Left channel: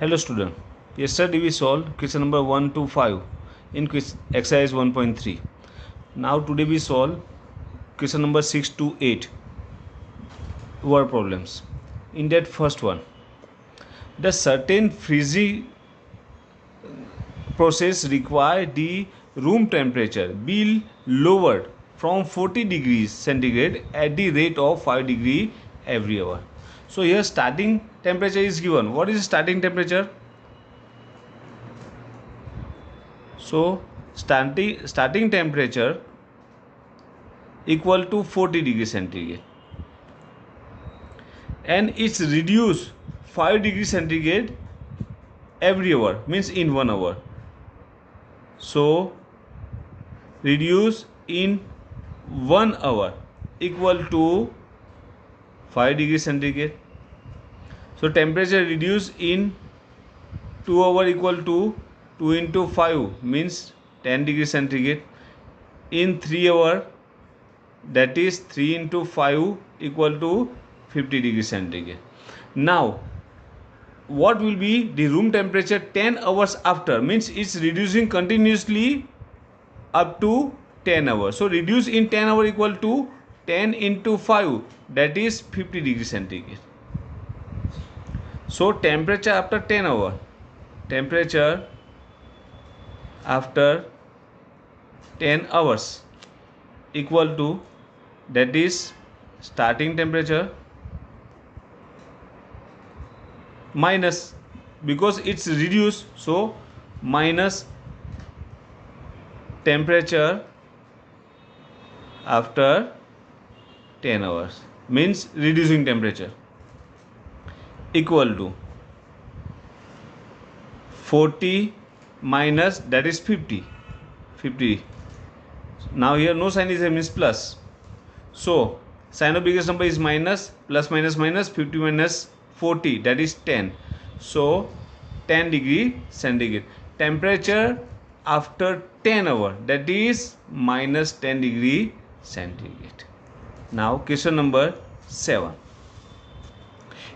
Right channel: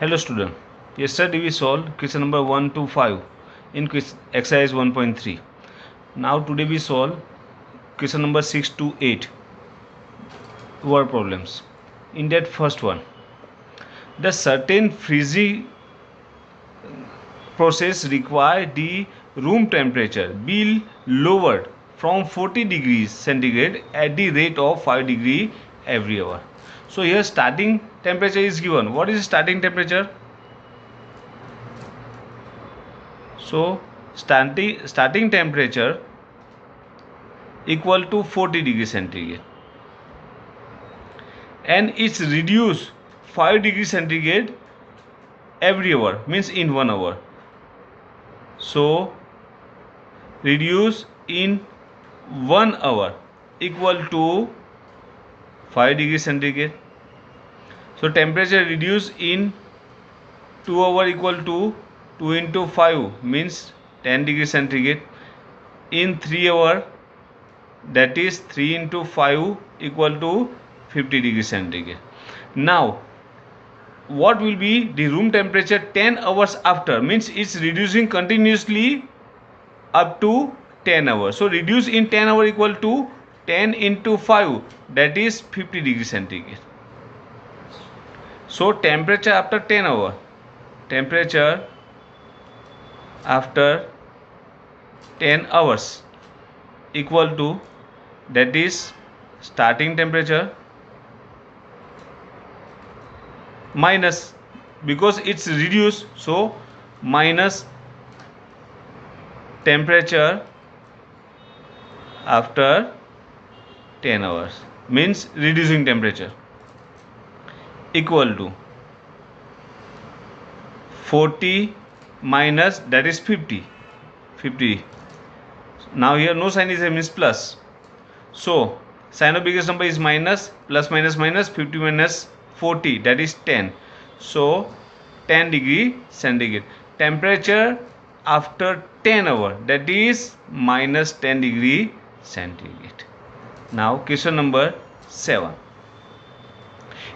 Hello student, yesterday we solved question number 1 to 5 in exercise 1.3. Now today we solve question number 6 to 8 word problems. In that first one, the certain freezing process require the room temperature be lowered from 40 degrees centigrade at the rate of 5 degree every hour. So here starting temperature is given. What is starting temperature? So starting temperature equal to 40 degree centigrade and it's reduced 5 degree centigrade every hour, means in 1 hour. So reduce in 1 hour equal to 5 degree centigrade. So temperature reduced in 2 hour equal to 2 into 5 means 10 degree centigrade. In 3 hour, that is 3 into 5 equal to 50 degree centigrade. Now what will be the room temperature 10 hours after, means it's reducing continuously up to 10 hours. So reduce in 10 hour equal to 10 into 5, that is 50 degree centigrade. So temperature after 10 hour, temperature after 10 hours equal to, that is starting temperature minus, because it's reduced, so minus temperature after 10 hours means reducing temperature equal to 40 minus, that is 50. Now here no sign is a, means plus. So sign of biggest number is minus, plus minus minus, 50 minus 40, that is 10. So 10 degree centigrade. Temperature after 10 hour, that is minus 10 degree centigrade. Now question number 7.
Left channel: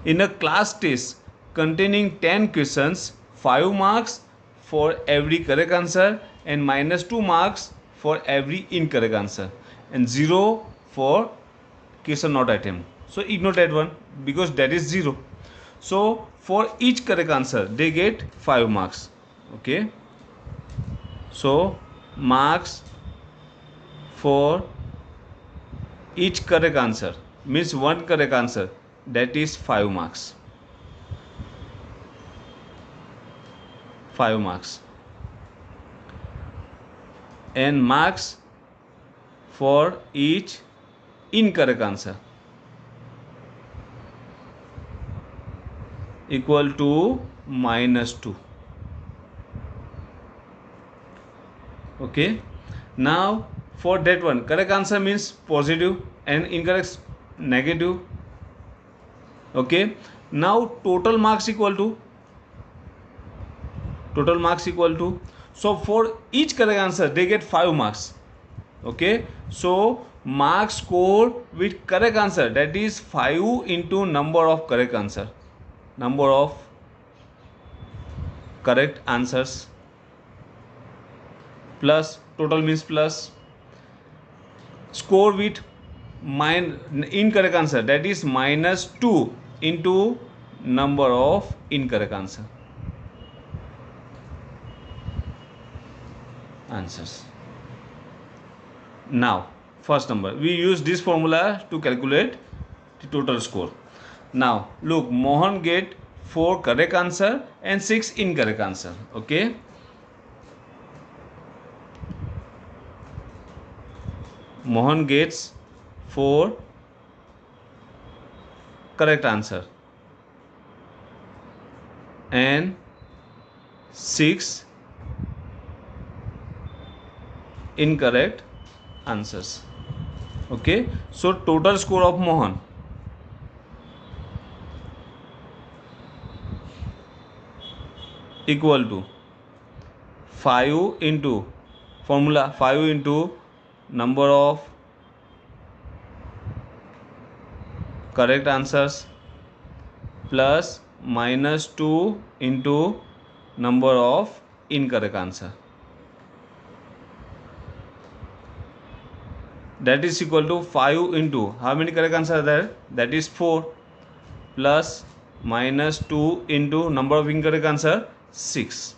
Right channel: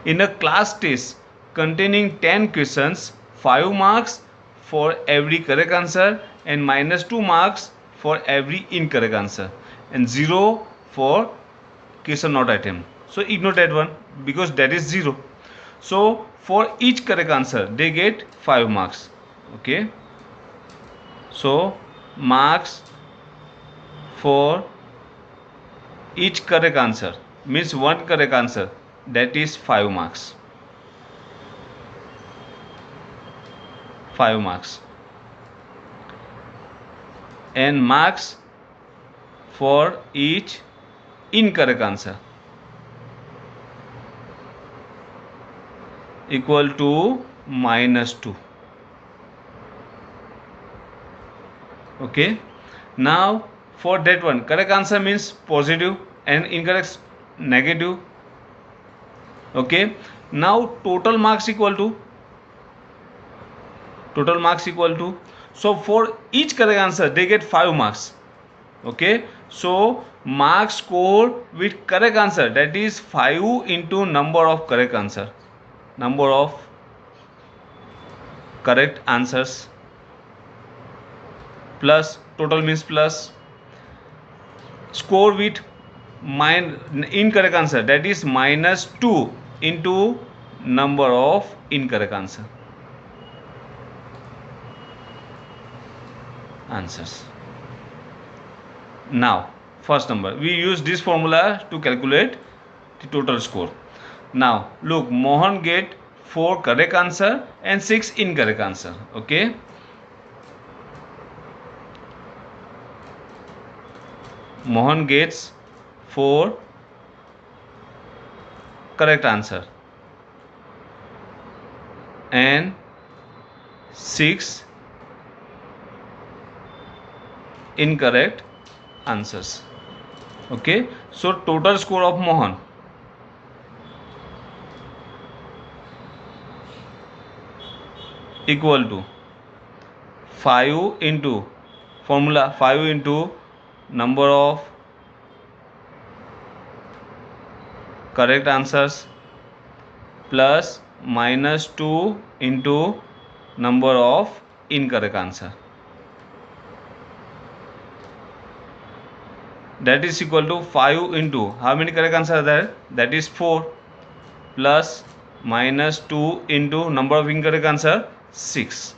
In a class test containing 10 questions, 5 marks for every correct answer and minus 2 marks for every incorrect answer and 0 for question not attempt. So ignore that one because that is 0. So for each correct answer they get 5 marks. Okay. So marks for each correct answer means one correct answer, that is 5 marks. 5 marks. And marks for each incorrect answer equal to minus 2. Okay. Now for that one, correct answer means positive and incorrect negative. Okay. Now total marks equal to, so for each correct answer they get 5 marks. Okay. So marks scored with correct answer, that is 5 into number of correct answer, number of correct answers, plus total means plus score with incorrect answer, that is minus 2 into number of incorrect answers. Now first number, we use this formula to calculate the total score. Now look, Mohan get 4 correct answer and 6 incorrect answer. Okay. Mohan gets 4 correct answer and 6 incorrect answers. Okay. So total score of Mohan equal to 5 into formula, 5 into number of correct answers plus -2 into number of incorrect answer. That is equal to 5 into how many correct answer are there? That is 4 plus -2 into number of incorrect answer 6.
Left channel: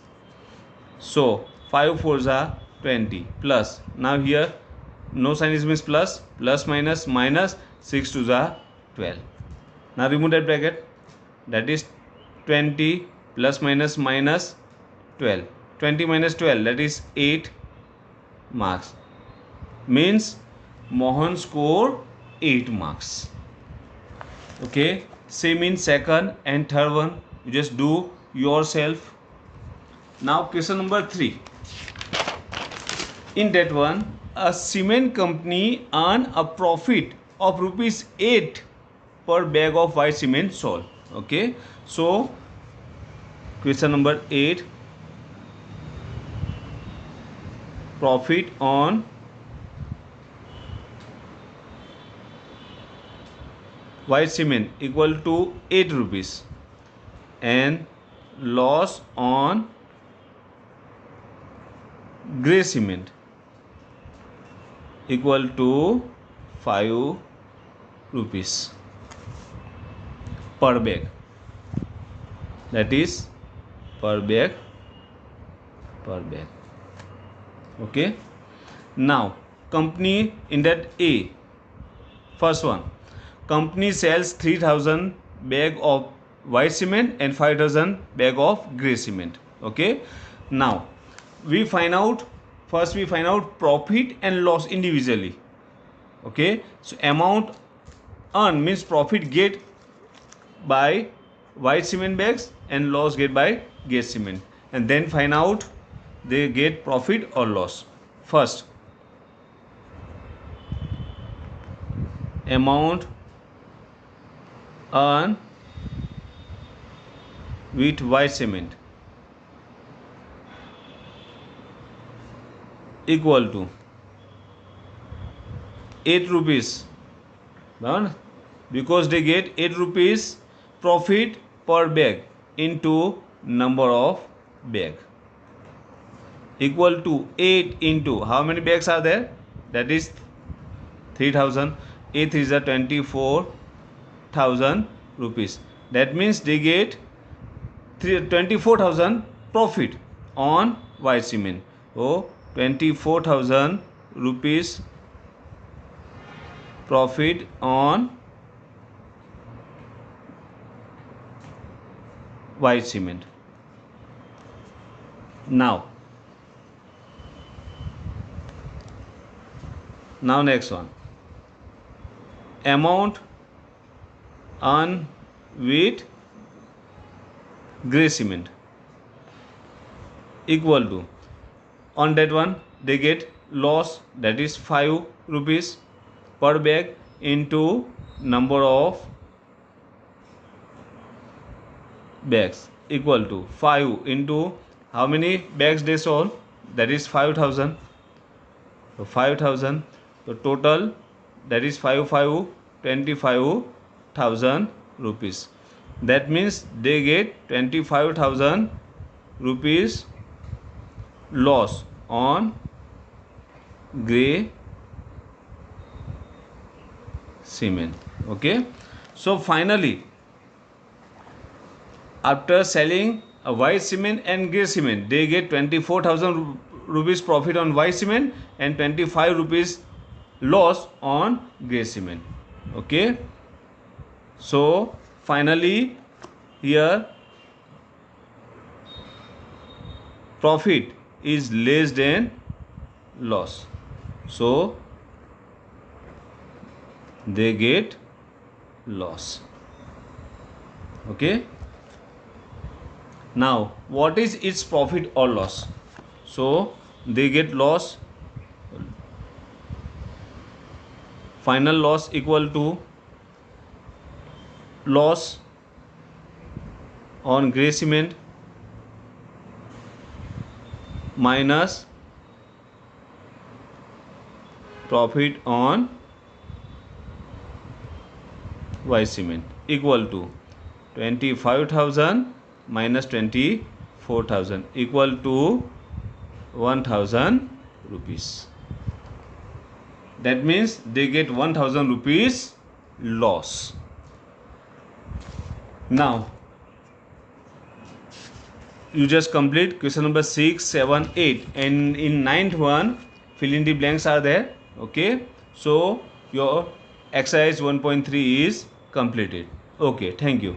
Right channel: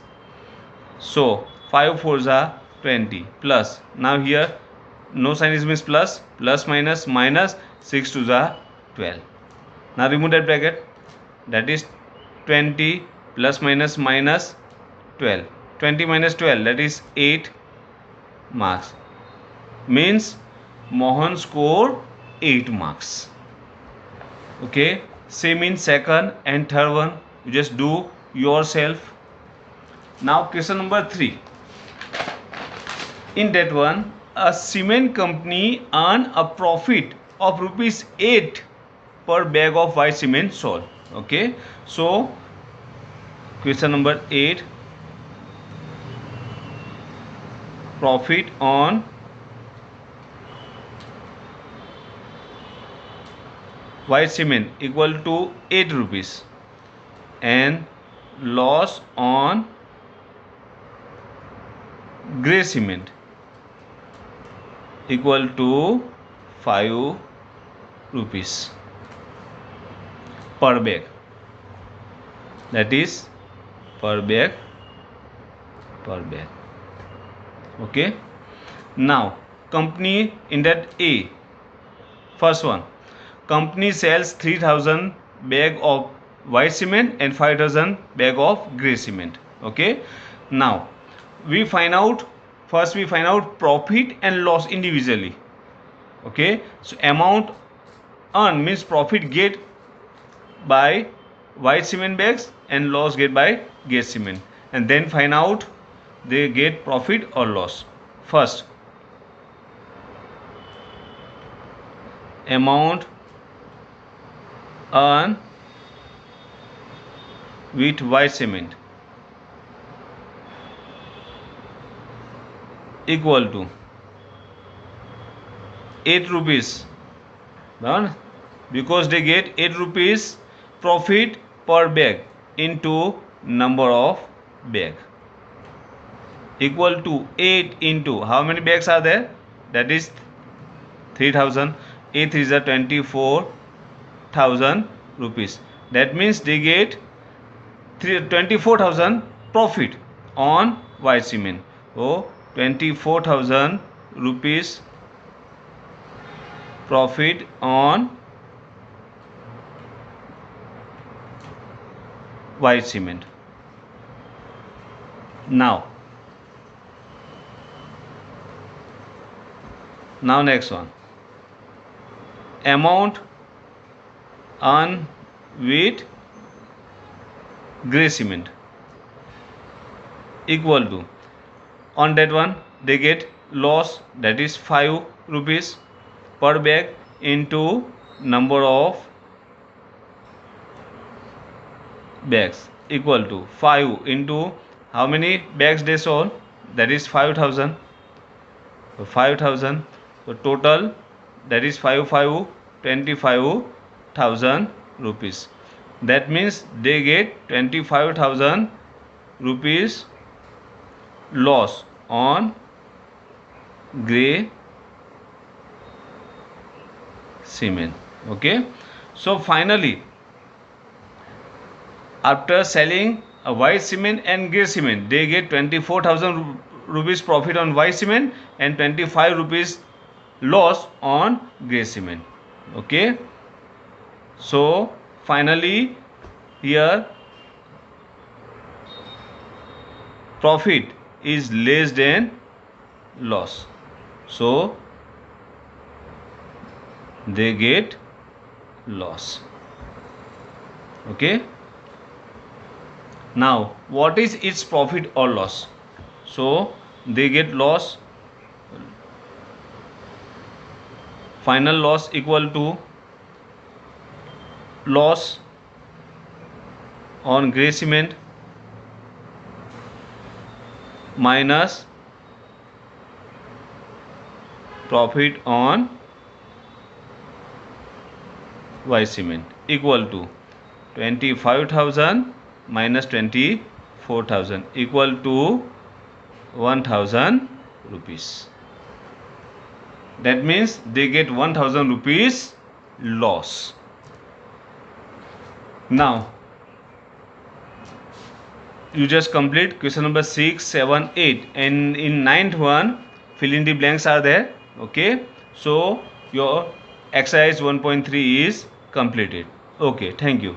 So 5 4s are 20 plus, now here no sign is means plus, plus minus minus, 6 2s are 12. Now remove that bracket, that is 20 plus minus minus 12. 20 minus 12, that is 8 marks. Means Mohan score 8 marks. Okay, same in second and third one, you just do yourself. Now question number 3. In that one, a cement company earn a profit of rupees 8 per bag of white cement sold. Okay, so question number 8, profit on white cement equal to 8 rupees and loss on grey cement equal to 5 rupees per bag, that is per bag. Okay, now company in that A, first one, company sells 3000 bag of white cement and 5000 bag of grey cement. Okay, now we find out, first we find out profit and loss individually. Okay, so amount earned means profit get by white cement bags and loss get by grey cement, and then find out they get profit or loss. First, amount earned with white cement equal to 8 rupees, done, because they get 8 rupees profit per bag into number of bag equal to 8 into how many bags are there, that is 3000. 8 is a 24,000 rupees. That means they get 24,000 profit on white cement. So 24,000 rupees profit on white cement. Now next one, amount earned with grey cement equal to, on that one they get loss, that is 5 rupees per bag into number of bags equal to 5 into how many bags they sold, that is 5000. So 5000, so total that is 25,000 rupees. That means they get 25,000 rupees loss on grey cement. Okay, so finally after selling a white cement and grey cement, they get 24,000 rupees profit on white cement and 25 rupees loss on grey cement. Okay, so finally here profit is less than loss, so they get loss. Okay, now what is its profit or loss? So they get loss, final loss equal to loss on grey cement minus profit on white cement equal to 25,000 minus 24,000 equal to 1,000 rupees. That means they get 1,000 rupees loss. Now you just complete question number 6, 7, 8, and in 9th one fill in the blanks are there. Okay, so your exercise 1.3 is completed. Okay, thank you.